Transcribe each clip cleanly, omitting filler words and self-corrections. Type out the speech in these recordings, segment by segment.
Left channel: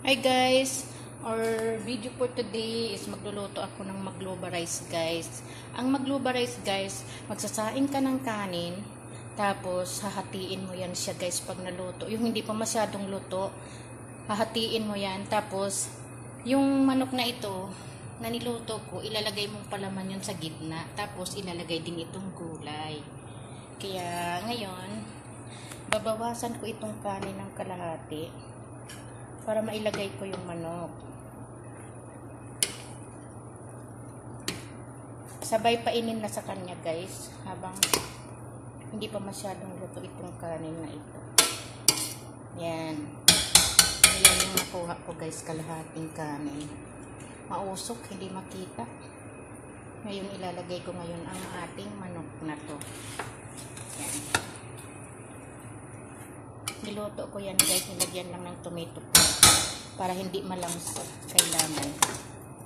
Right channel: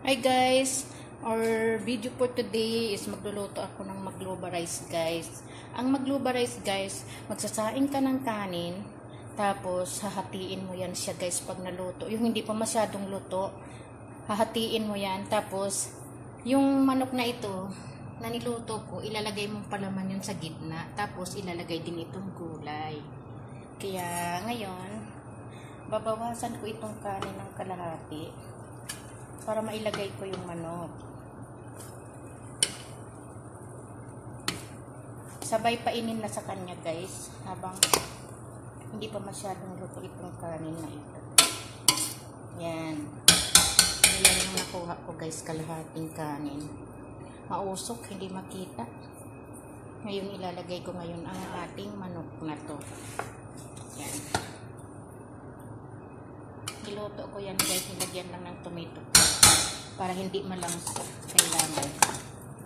Hi guys, our video for today is magluluto ako ng magloba rice guys. Ang magloba rice guys, magsasaing ka ng kanin, tapos hahatiin mo yan siya guys pag naluto. Yung hindi pa masyadong luto, hahatiin mo yan. Tapos, yung manok na ito, na niluto ko, ilalagay mong palaman yun sa gitna. Tapos, ilalagay din itong gulay. Kaya, ngayon, babawasan ko itong kanin ng kalahati para mailagay ko yung manok. Sabay painin na sa kanya guys habang hindi pa masyadong luto itong kanin na ito. Yan. Yan yung nakuha ko guys, kalahating kanin. Mausok, hindi makita. Ngayon ilalagay ko ngayon ang ating manok na to. Yan. Niluto ko yan guys, nilagyan lang ng tomato para hindi malangsa. Kailangan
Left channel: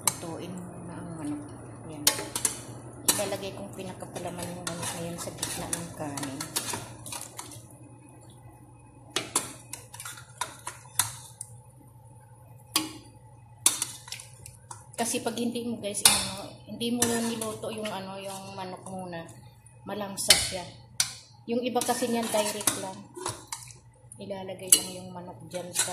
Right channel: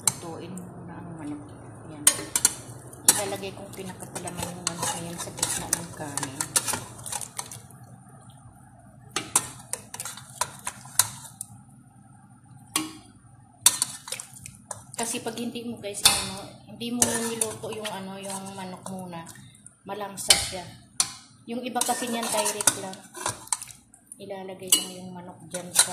lutuin muna ang manok. Yan. Ilalagay kong pinakapalaman yung manok na yan sa gitna ng kanin. Kasi pag hindi mo guys, hindi mo niluto yung yung manok muna, malangsa siya. Yung iba kasi niyan direct lang. Ilalagay lang yung manok dyan sa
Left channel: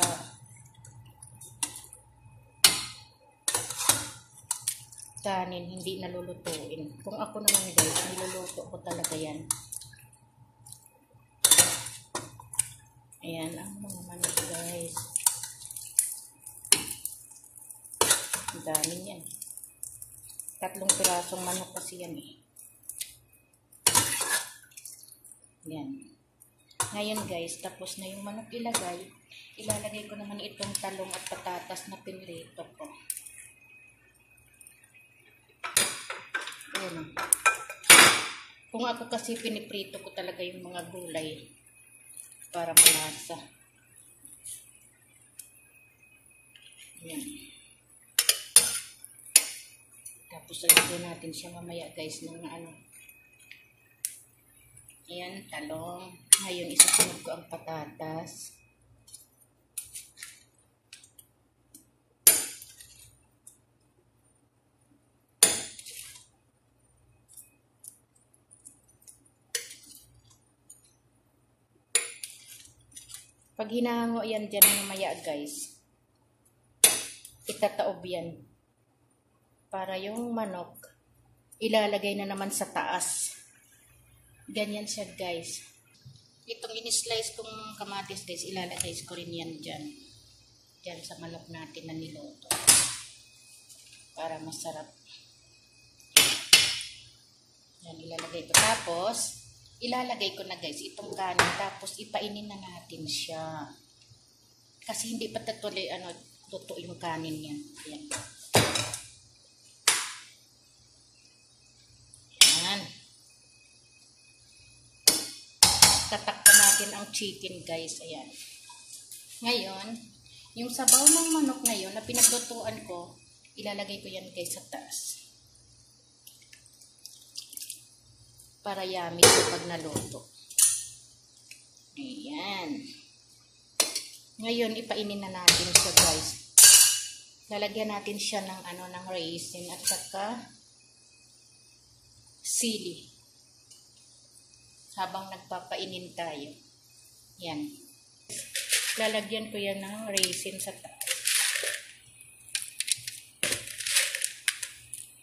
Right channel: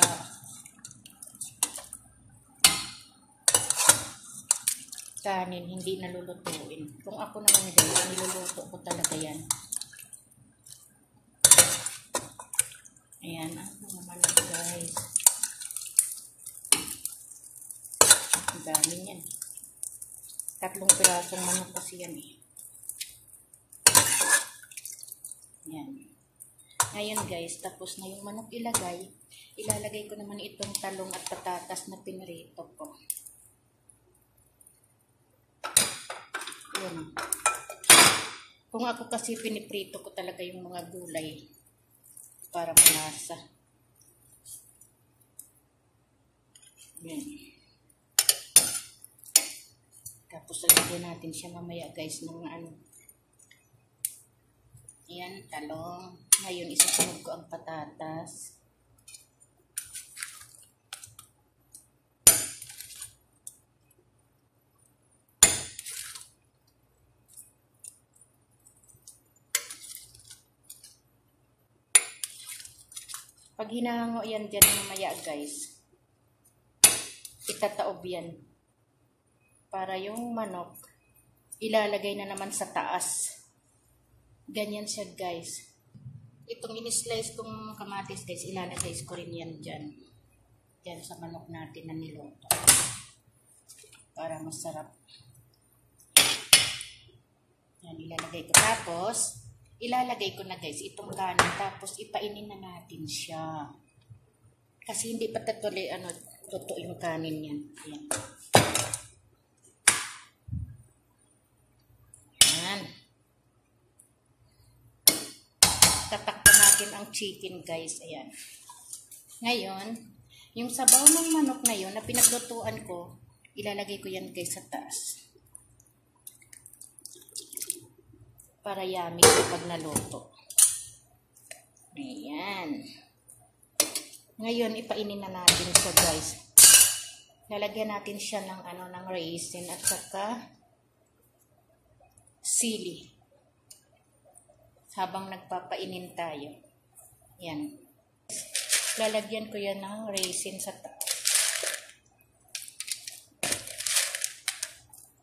kanin, hindi nalulutuin. Kung ako naman guys, niluluto ko talaga yan. Ayan ang mga manok guys. Ang dami yan. 3 pirasong manok kasi yan eh. Yan. Ngayon guys, tapos na yung manok ilalagay ko naman itong talong at patatas na pinirito ko. Ayan. Kung ako kasi piniprito ko talaga yung mga gulay para malasa. Ayan. Tapos lagyan natin siya mamaya guys ng Ayan, talong. Ngayon, isusunod ko ang patatas. Pag hinahango yan dyan mamaya guys, itataob yan. Para yung manok, ilalagay na naman sa taas. Ganyan siya guys. Itong in-slice kong kamatis guys, ilalagay ko rin yan dyan. Dyan sa manok natin na niluto. Para masarap. Yan, ilalagay ko. Tapos, ilalagay ko na guys itong kanin. Tapos, ipainin na natin siya. Kasi hindi pa tatuloy, luto yung kanin yan. Ayan. Yan. Tatakpan natin ang chicken guys. Ayan. Ngayon, yung sabaw ng manok na yun na pinaglutuan ko, ilalagay ko yan guys sa taas. Para yummy pag naluto. Ayan. Ngayon, ipainin na natin siya guys. Lalagyan natin siya ng ng raisin at saka sili. Habang nagpapainin tayo. Yan. Lalagyan ko yan ng raisin sa taas.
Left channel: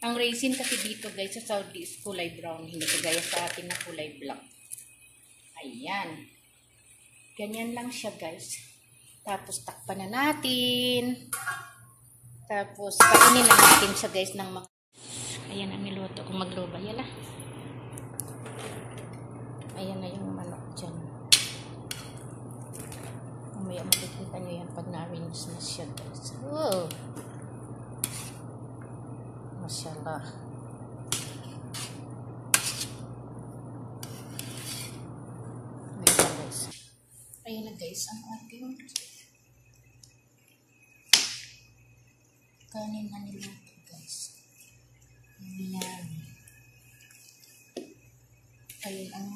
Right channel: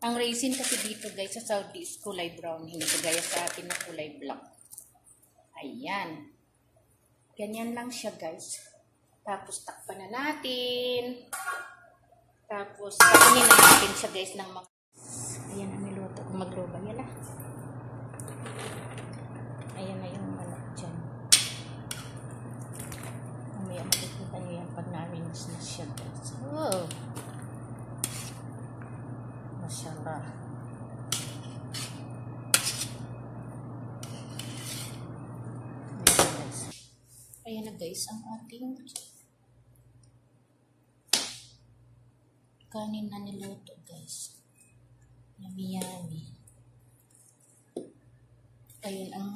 Ang raisin kasi dito guys sa Saudi is kulay brown. Hindi kagaya sa atin na kulay black. Ayan. Ganyan lang siya guys. Tapos takpan na natin. Tapos kainin na natin siya guys ng mga... Ayan ang niluto kung magloba. Yala. Ayan na yung manok dyan. Mamaya makikita nyo yan pag na-arrange na siya guys. Oh! Mashallah. Ayan na guys. Ayan na guys ang ating kanin na niluto guys. Yummy yummy. Ayun ang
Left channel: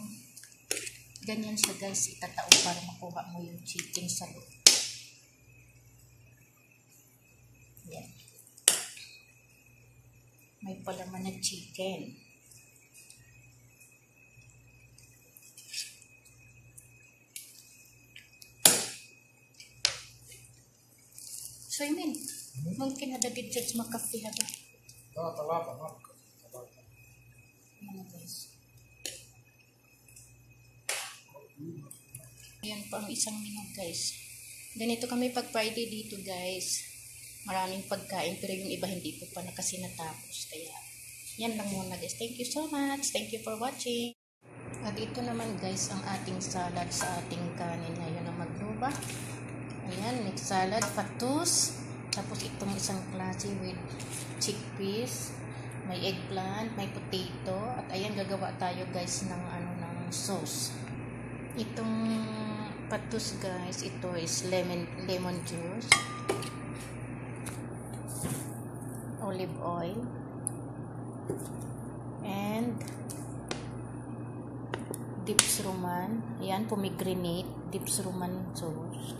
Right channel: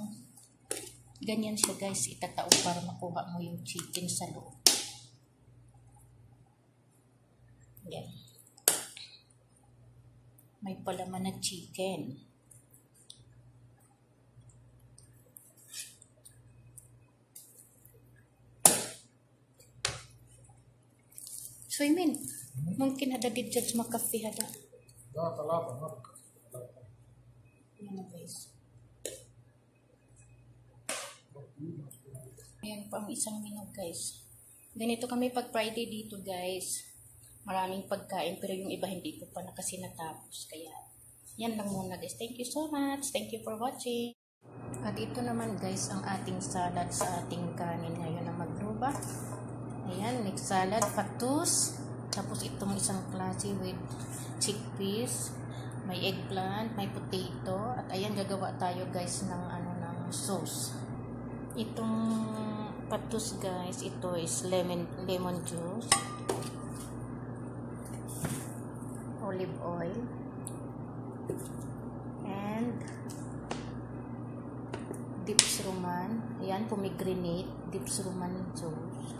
ganyan siya guys, itataob para makuha mo yung chicken sa loob. may palaman na chicken. So, Imin, mungkin ada di judge makafi ba? لا ثلاثة مركز ثلاثة. Ayan na guys. Ayan pa ang isang menu guys. Ganito kami pag Friday dito guys. Maraming pagkain pero yung iba hindi ko pa na kasi natapos. Kaya yan lang muna guys. Thank you so much. Thank you for watching. At ito naman guys ang ating salad sa ating kanin ngayon na magluba. Ayan, mixed salad, fatus. Tapos itong isang klase with chickpeas. May eggplant, may potato. At ayan, gagawa tayo guys ng ng sauce. Itong fatus guys, ito is lemon juice, olive oil, and dips roman. Ayan, pomegranate, dips roman sauce.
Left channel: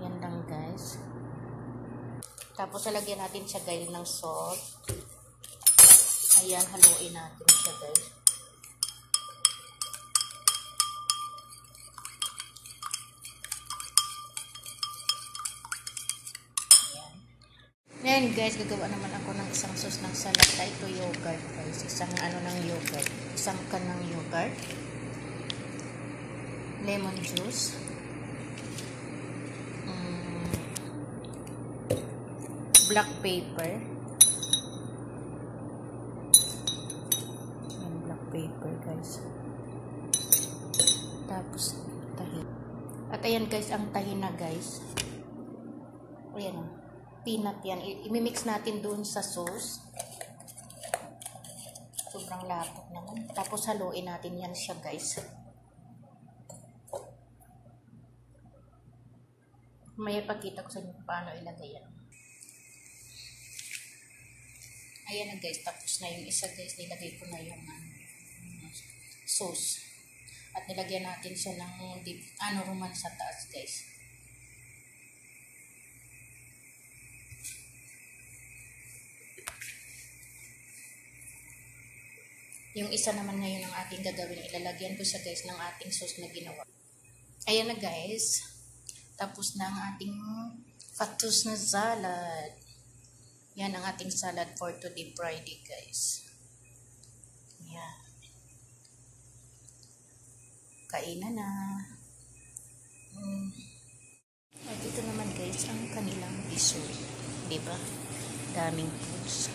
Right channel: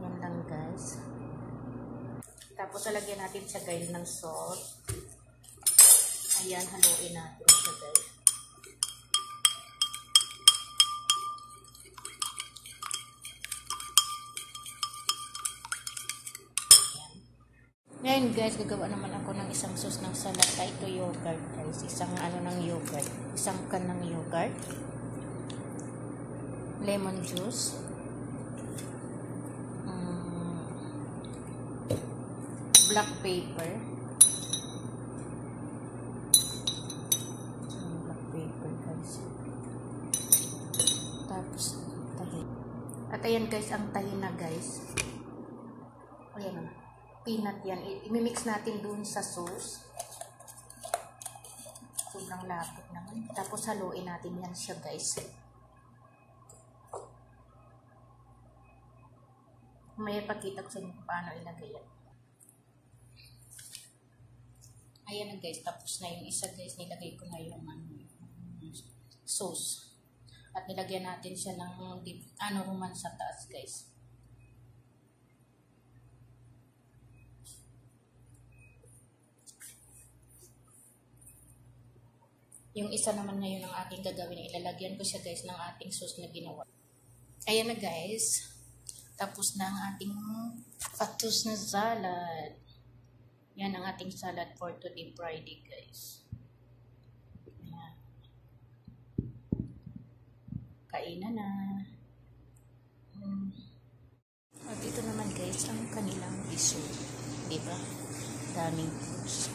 Ayan lang guys. Tapos lalagyan natin siya guys ng salt. Ayan, haluin natin siya guys. Ngayon guys, gagawa naman ako ng isang sauce ng salad. Ito yogurt guys. Isang ng yogurt. Isang can ng yogurt. Lemon juice. Black pepper. Black pepper guys. Tapos tahin. At ayan guys, ang tahin na guys. Ayan o. Peanut yan. I-mix natin dun sa sauce. Sobrang lapot naman. Tapos haluin natin yan siya guys. May ipakita ko sa inyo paano ilagay yan. Ayan na guys. Tapos na yung isa guys. Nilagay ko na yung sauce. At nilagyan natin siya ng roman sa taas guys. Yung isa naman ngayon ang ating gagawin, ilalagyan ko siya guys ng ating sauce na ginawa. Ayan na guys. Tapos na ang ating fatus na salad. Yan ang ating salad for today Friday guys. Yan. Kainan na. At ito naman guys ang kanilang dessert. Diba? Daming foods.